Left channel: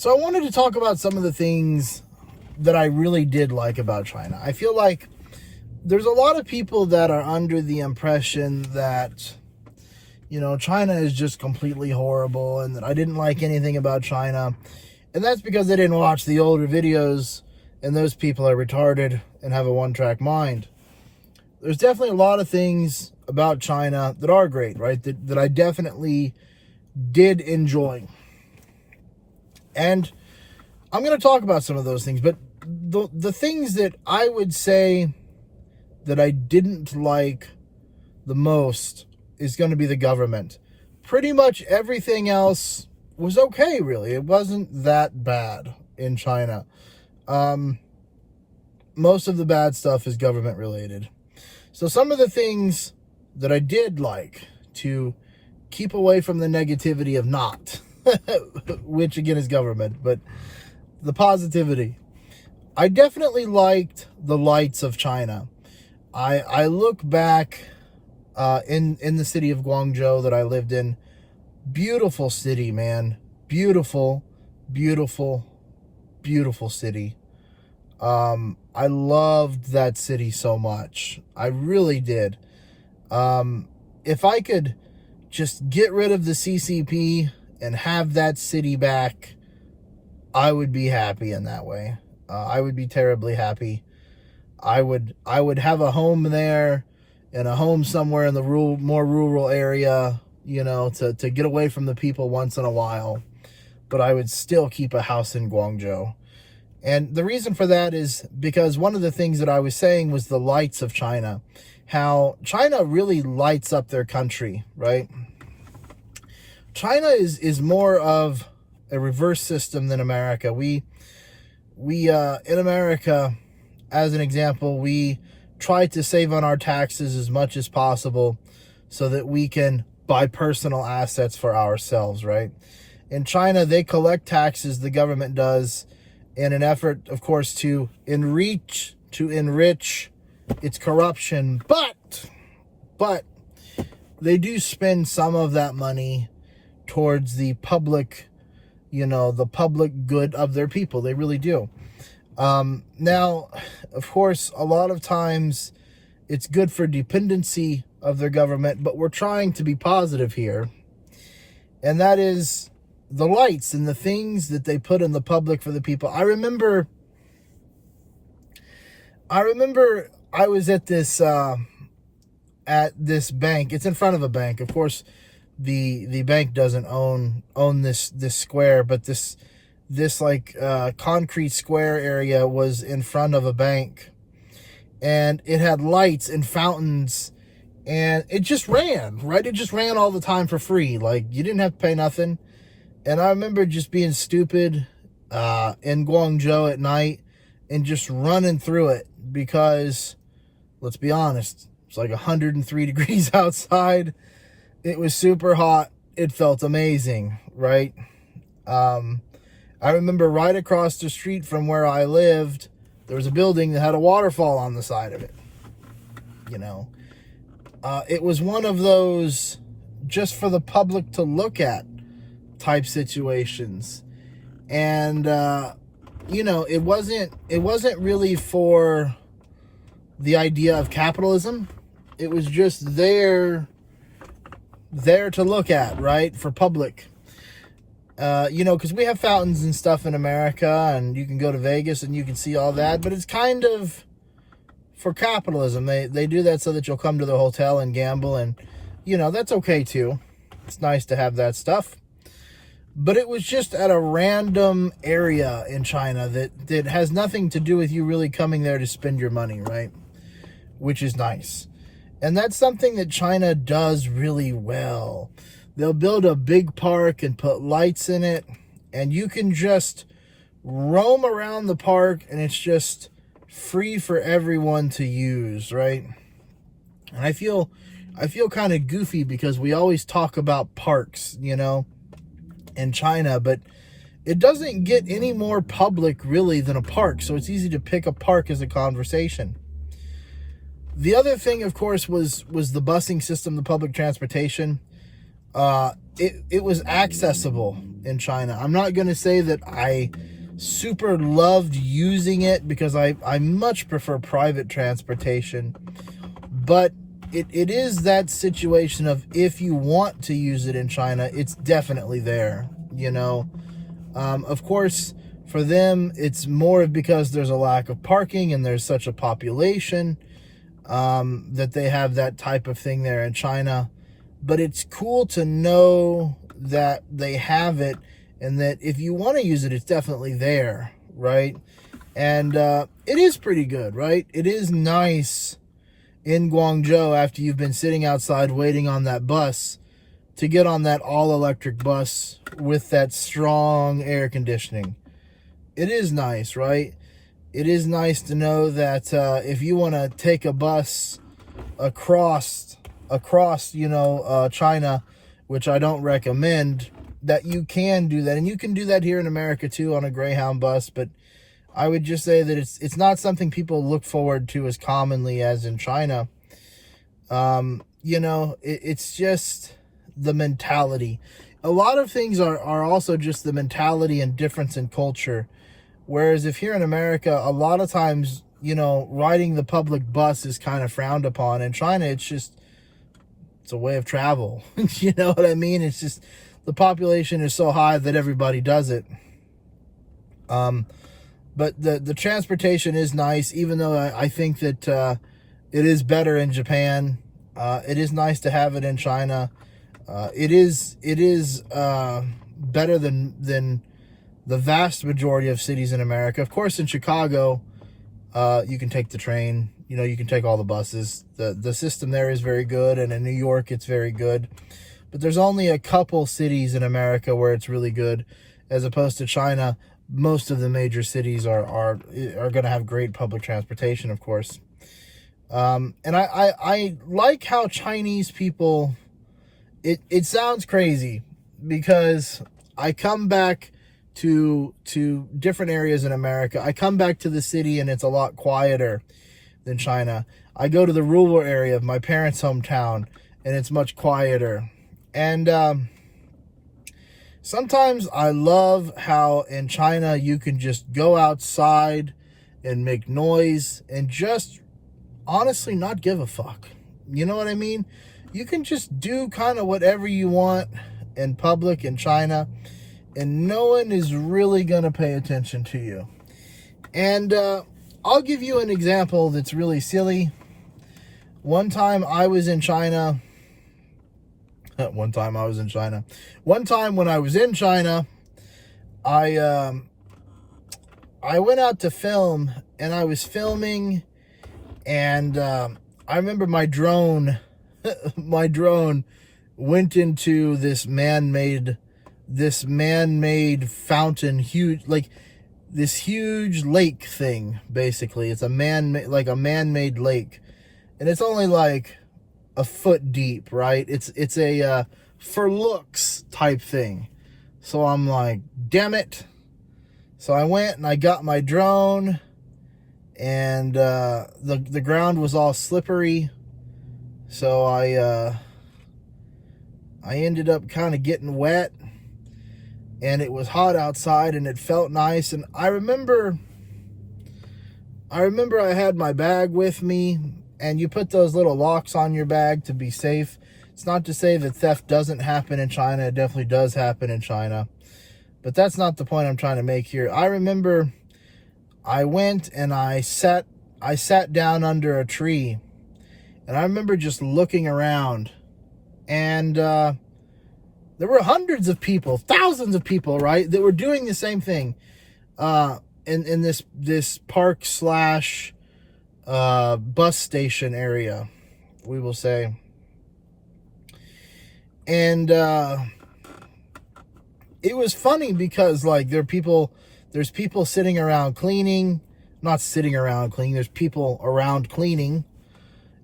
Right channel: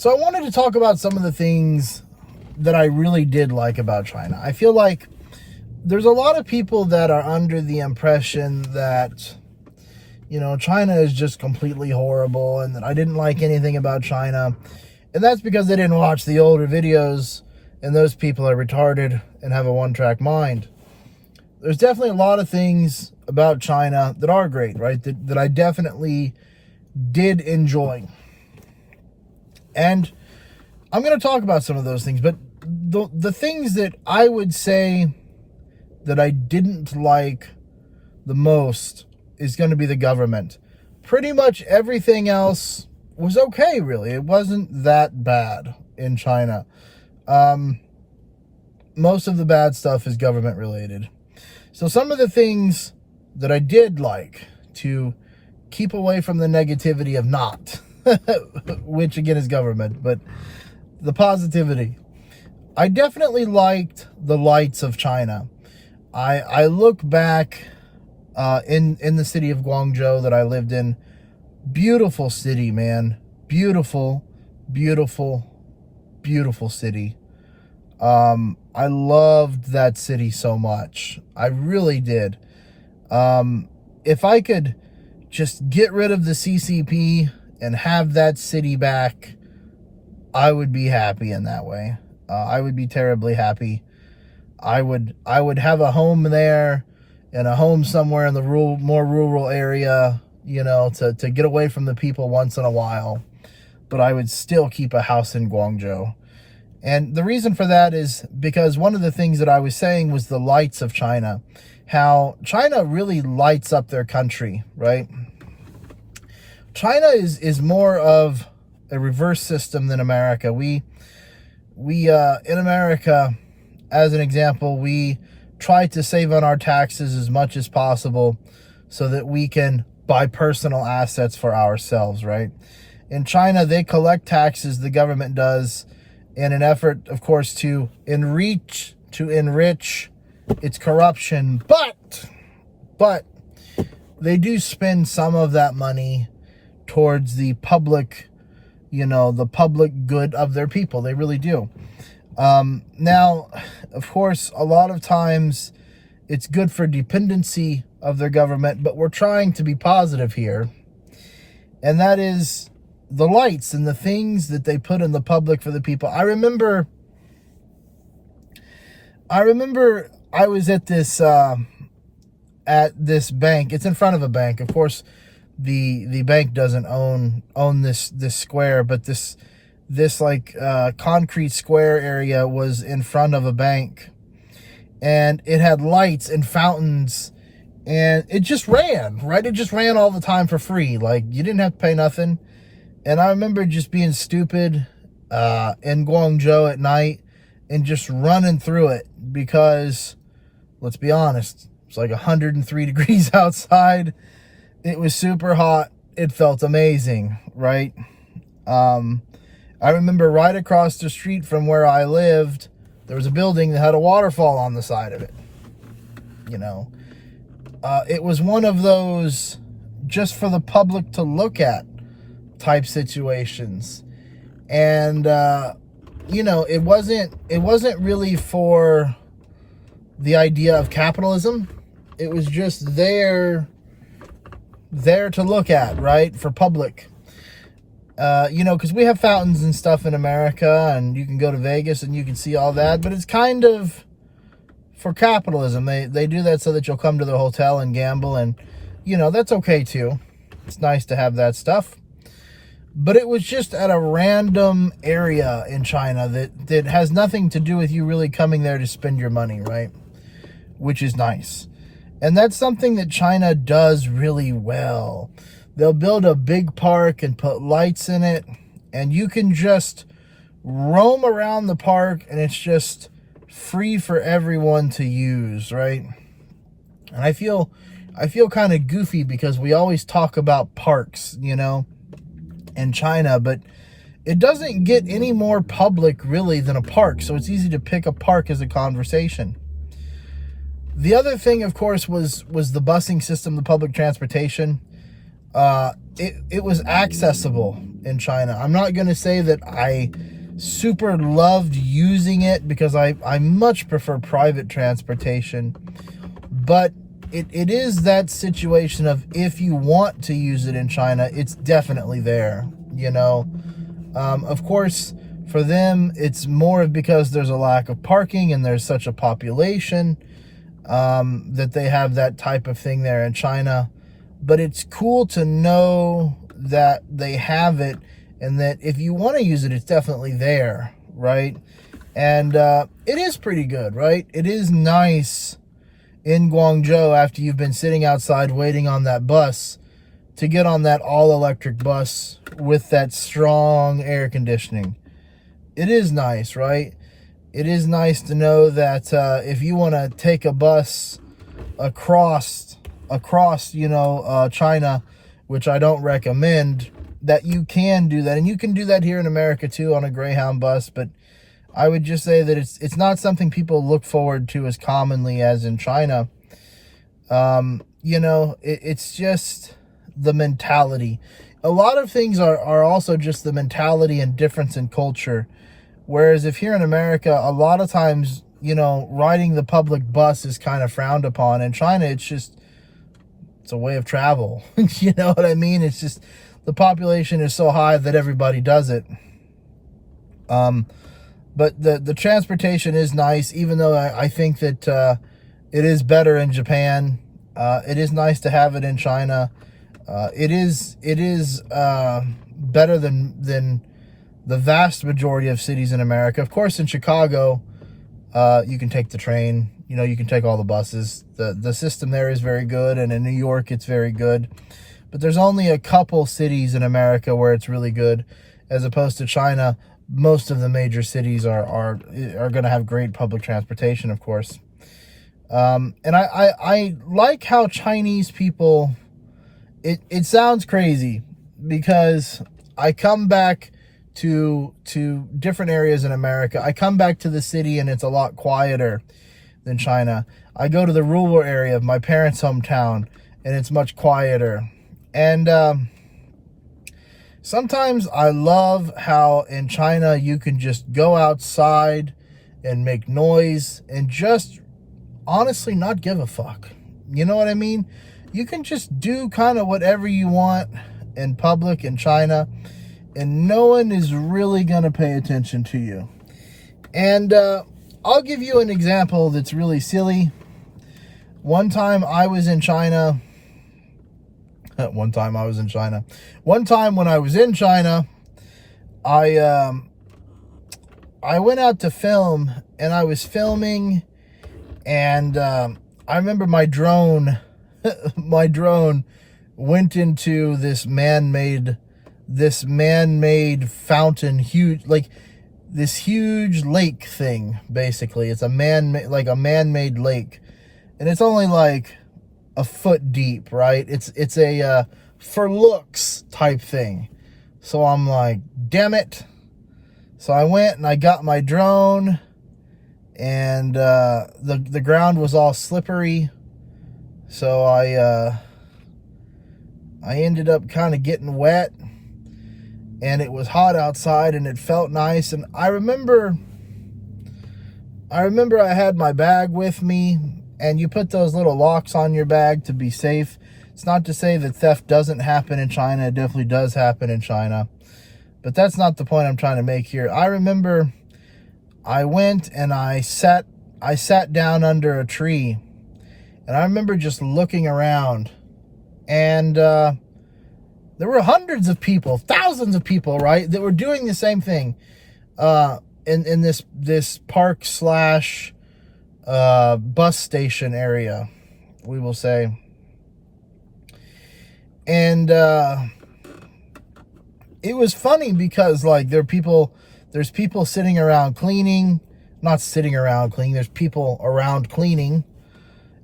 So I wanted to talk about some of the things that I really did like about China. I feel like there's a lot of people that are under the impression that, China is just completely horrible and that I didn't like anything about China. And that's because they didn't watch the older videos, and those people are retarded and have a one-track mind. There's definitely a lot of things about China that are great, right? That I definitely did enjoy. And I'm going to talk about some of those things, but the things that I would say that I didn't like the most is going to be the government. Pretty much everything else was okay, really. It wasn't that bad in China. Most of the bad stuff is government related. So some of the things that I did like to keep away from the negativity of not, which again is government, but the positivity. I definitely liked the lights of China. I look back in the city of Guangzhou that I lived in. Beautiful city, man. Beautiful, beautiful, beautiful city. I loved that city so much. I really did. If I could just get rid of the CCP and have that city back, I would be happy in that way. I would be terribly happy. I would have a home there and a home somewhere in the more rural area, to get away from the people once in a while. But I would still keep a house in Guangzhou. And the reason for that is because one of the things that I was saying was the lights of China. How China really lights up their country, right? China is more of a reverse system than America. We in America, as an example, we try to save on our taxes as much as possible so that we can buy personal assets for ourselves, right? In China, they collect taxes, the government does, in an effort, of course, to enrich its corruption. But they do spend some of that money towards the public, the public good of their people. They really do. Now, of course, a lot of times it's good for dependency of their government, but we're trying to be positive here. And that is the lights and the things that they put in the public for the people. I remember I was at this bank. It's in front of a bank. Of course, the bank doesn't own this square, but this concrete square area was in front of a bank, and it had lights and fountains, and it just ran, right? It just ran all the time for free. Like, you didn't have to pay nothing. And I remember just being stupid in Guangzhou at night and just running through it because, let's be honest, it's like 103 degrees outside. It was super hot. It felt amazing, right? I remember right across the street from where I lived, there was a building that had a waterfall on the side of it. It was one of those just for the public to look at type situations. And, it wasn't really for the idea of capitalism. It was just there to look at, right? For public. Because we have fountains and stuff in America, and you can go to Vegas and you can see all that, but it's kind of for capitalism. They do that so that you'll come to the hotel and gamble, and, that's okay too. It's nice to have that stuff. But it was just at a random area in China that has nothing to do with you really coming there to spend your money, right? Which is nice. And that's something that China does really well. They'll build a big park and put lights in it, and you can just roam around the park, and it's just free for everyone to use, right? And I feel kind of goofy because we always talk about parks, in China, but it doesn't get any more public really than a park, so it's easy to pick a park as a conversation. The other thing, of course, was the busing system, the public transportation. it was accessible in China. I'm not going to say that I super loved using it, because I much prefer private transportation, but it is that situation of, if you want to use it in China, it's definitely there, you know. Of course, for them, it's more because there's a lack of parking and there's such a population, that they have that type of thing there in China. But it's cool to know that they have it, and that if you want to use it, it's definitely there, right? And it is pretty good, right? It is nice in Guangzhou, after you've been sitting outside waiting on that bus, to get on that all-electric bus with that strong air conditioning. It is nice, right? It is nice to know that if you want to take a bus across, you know, China, which I don't recommend, that you can do that. And you can do that here in America too, on a Greyhound bus, but I would just say that it's not something people look forward to as commonly as in China. You know, it's just the mentality. A lot of things are also just the mentality and difference in culture. Whereas if here in America, a lot of times, you know, riding the public bus is kind of frowned upon. In China, it's a way of travel. You know what I mean? It's just, the population is so high that everybody does it. But the transportation is nice, even though I think that it is better in Japan. It is nice to have it in China. It is better than the vast majority of cities in America. Of course, in Chicago, you can take the train. You know, you can take all the buses. The system there is very good, and in New York, it's very good. But there's only a couple cities in America where it's really good, as opposed to China. Most of the major cities are going to have great public transportation, of course. And I like how Chinese people, it sounds crazy, because I come back to different areas in America. I come back to the city and it's a lot quieter than China. I go to the rural area of my parents' hometown and it's much quieter. And sometimes I love how in China you can just go outside and make noise and just honestly not give a fuck. You know what I mean? You can just do kind of whatever you want in public in China, and no one is really going to pay attention to you. And I'll give you an example that's really silly. One time I was in China. One time when I was in China, I went out to film, and I was filming, and I remember my drone went into this man-made fountain, huge, like this huge lake thing. Basically, it's a man-made lake, and it's only like a foot deep, right? It's a for looks type thing. So I'm like, damn it. So I went and I got my drone, and the ground was all slippery. So I ended up kind of getting wet, and it was hot outside and it felt nice. And I remember I had my bag with me, and you put those little locks on your bag to be safe. It's not to say that theft doesn't happen in China. It definitely does happen in China. But that's not the point I'm trying to make here. I remember I went and I sat down under a tree. And I remember just looking around. And there were hundreds of people, thousands of people, right, that were doing the same thing in this park slash bus station area, we will say. And it was funny because, like, there's people sitting around cleaning, not sitting around cleaning, there's people around cleaning,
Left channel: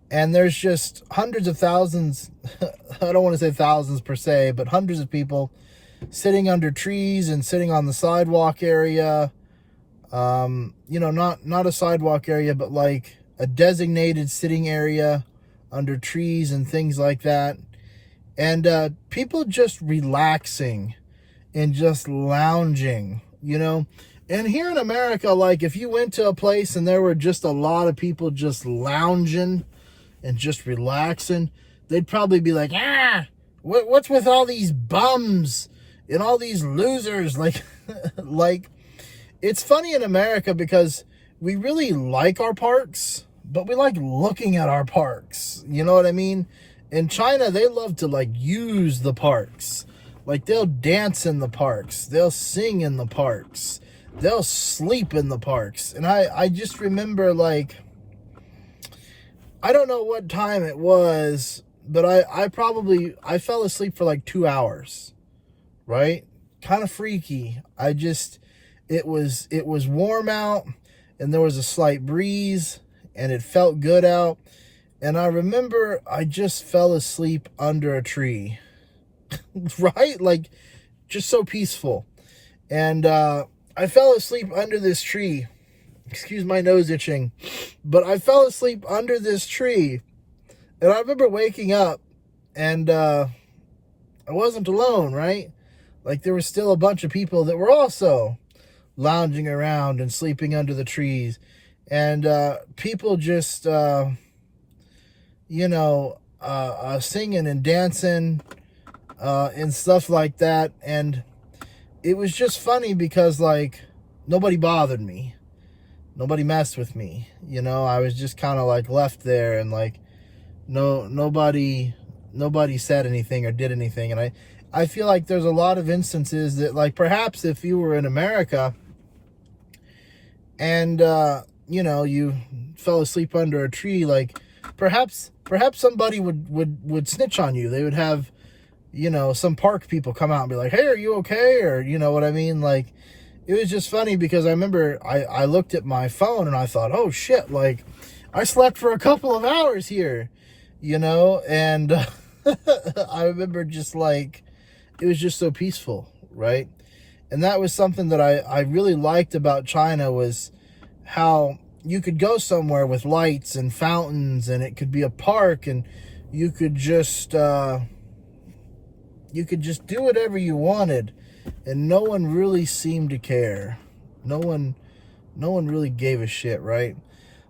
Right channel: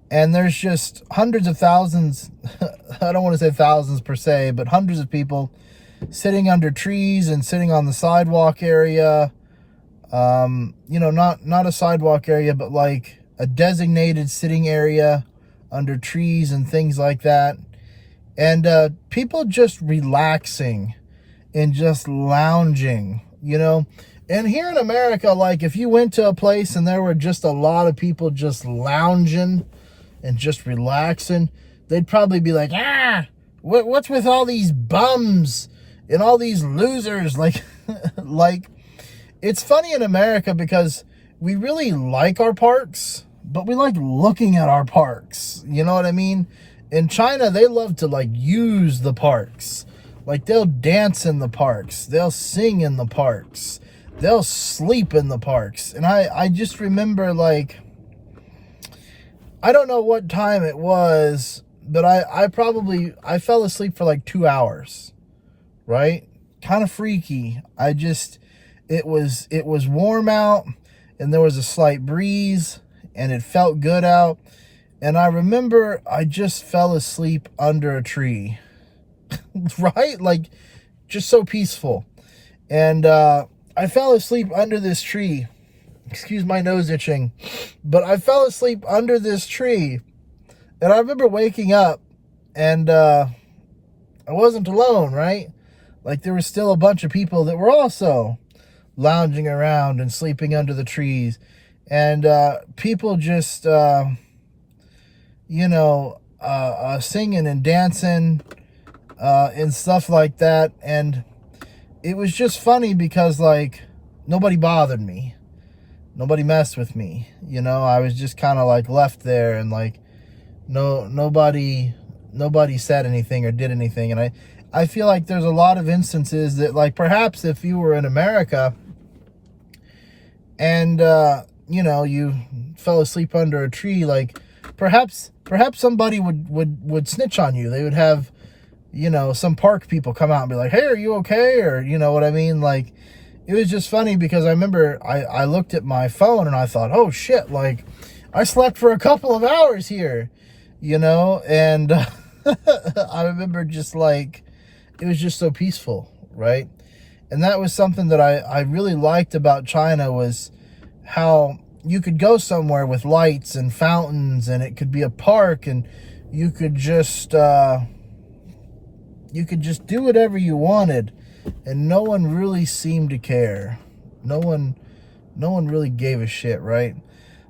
and there's just hundreds of thousands, I don't want to say thousands per se, but hundreds of people sitting under trees and sitting on the sidewalk area. You know, not a sidewalk area, but like a designated sitting area under trees and things like that. And people just relaxing and just lounging, you know. And here in America, like if you went to a place and there were just a lot of people just lounging and just relaxing, they'd probably be like, what's with all these bums and all these losers? Like, like, it's funny in America because we really like our parks, but we like looking at our parks. You know what I mean? In China, they love to like use the parks. Like they'll dance in the parks. They'll sing in the parks. They'll sleep in the parks. And I just remember, like, I don't know what time it was, but I fell asleep for like 2 hours, right? Kind of freaky. It was warm out and there was a slight breeze and it felt good out. And I remember I just fell asleep under a tree, right? Like just so peaceful. And, I fell asleep under this tree. Excuse my nose itching. But I fell asleep under this tree. And I remember waking up and I wasn't alone, right? Like there was still a bunch of people that were also lounging around and sleeping under the trees. And people just, singing and dancing and stuff like that. And it was just funny because, like, nobody bothered me. Nobody messed with me. You know, I was just kind of, like, left there and, like, nobody said anything or did anything. And I feel like there's a lot of instances that, like, perhaps if you were in America and, you fell asleep under a tree, like, perhaps somebody would snitch on you. They would have, some park people come out and be like, hey, are you okay? Or, you know what I mean? Like, it was just funny because I remember I looked at my phone and I thought, oh shit, like I slept for a couple of hours here, and I remember just like, it was just so peaceful, right? And that was something that I really liked about China, was how you could go somewhere with lights and fountains and it could be a park and you could just do whatever you wanted, and no one really seemed to care. No one really gave a shit, right?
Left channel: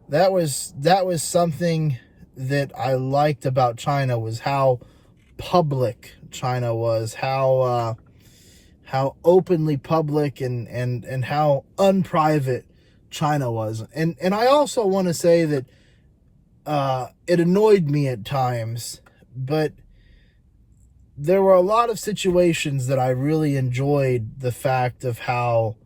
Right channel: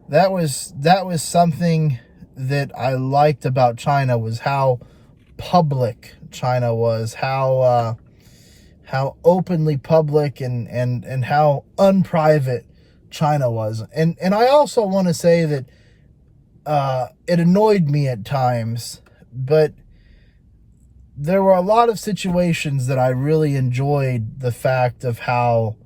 That was something that I liked about China, was how public China was, how openly public and how unprivate China was. And I also want to say that it annoyed me at times, but there were a lot of situations that I really enjoyed the fact of how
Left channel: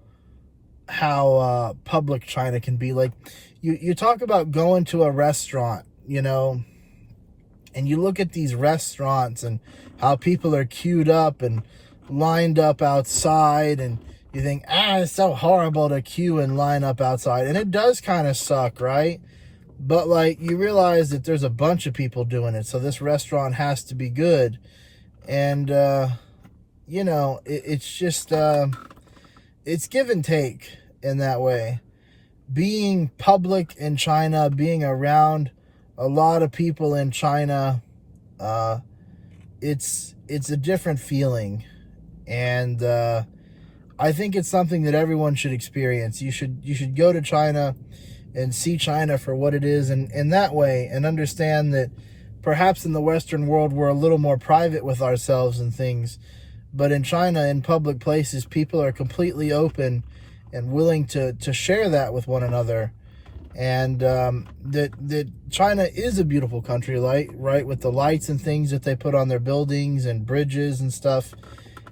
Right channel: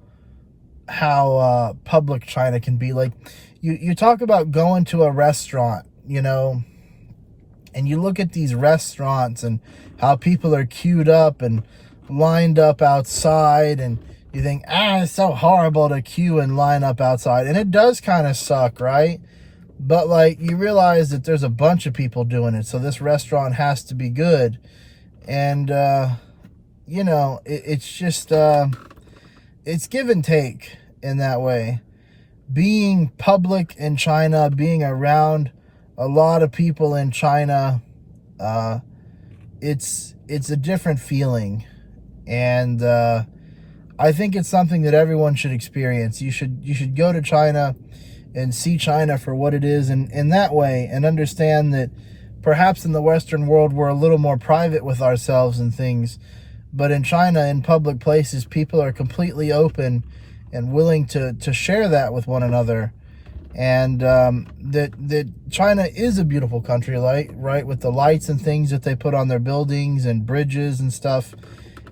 public China can be. Like, you talk about going to a restaurant, and you look at these restaurants and how people are queued up and lined up outside, and you think, it's so horrible to queue and line up outside. And it does kind of suck, right? But, like, you realize that there's a bunch of people doing it, so this restaurant has to be good. And, it's just, it's give and take in that way. Being public in China, being around a lot of people in China, it's a different feeling. And, I think it's something that everyone should experience. You should go to China and see China for what it is, and in that way, and understand that perhaps in the Western world, we're a little more private with ourselves and things. But in China, in public places, people are completely open and willing to share that with one another. And that China is a beautiful country, right? With the lights and things that they put on their buildings and bridges and stuff.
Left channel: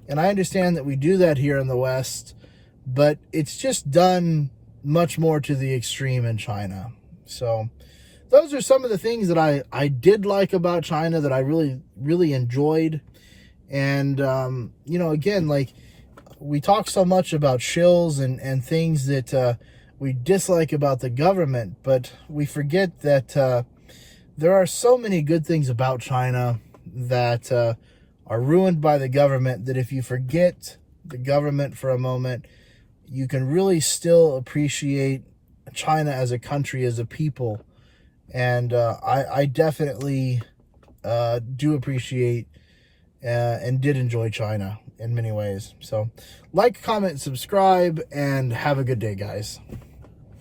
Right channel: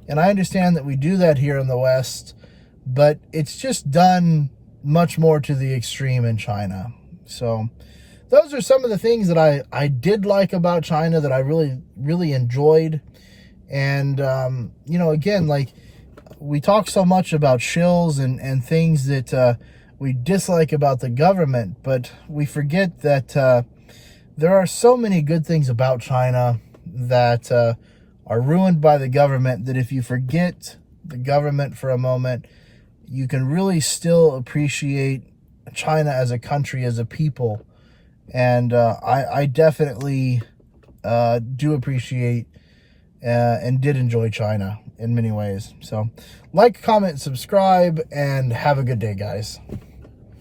And I understand that we do that here in the West, but it's just done much more to the extreme in China. So those are some of the things that I did like about China, that I really, really enjoyed. And, again, like, we talk so much about shills and things that we dislike about the government, but we forget that there are so many good things about China that are ruined by the government, that if you forget the government for a moment, you can really still appreciate China as a country, as a people. And I definitely do appreciate and did enjoy China in many ways. So like, comment, subscribe, and have a good day, guys.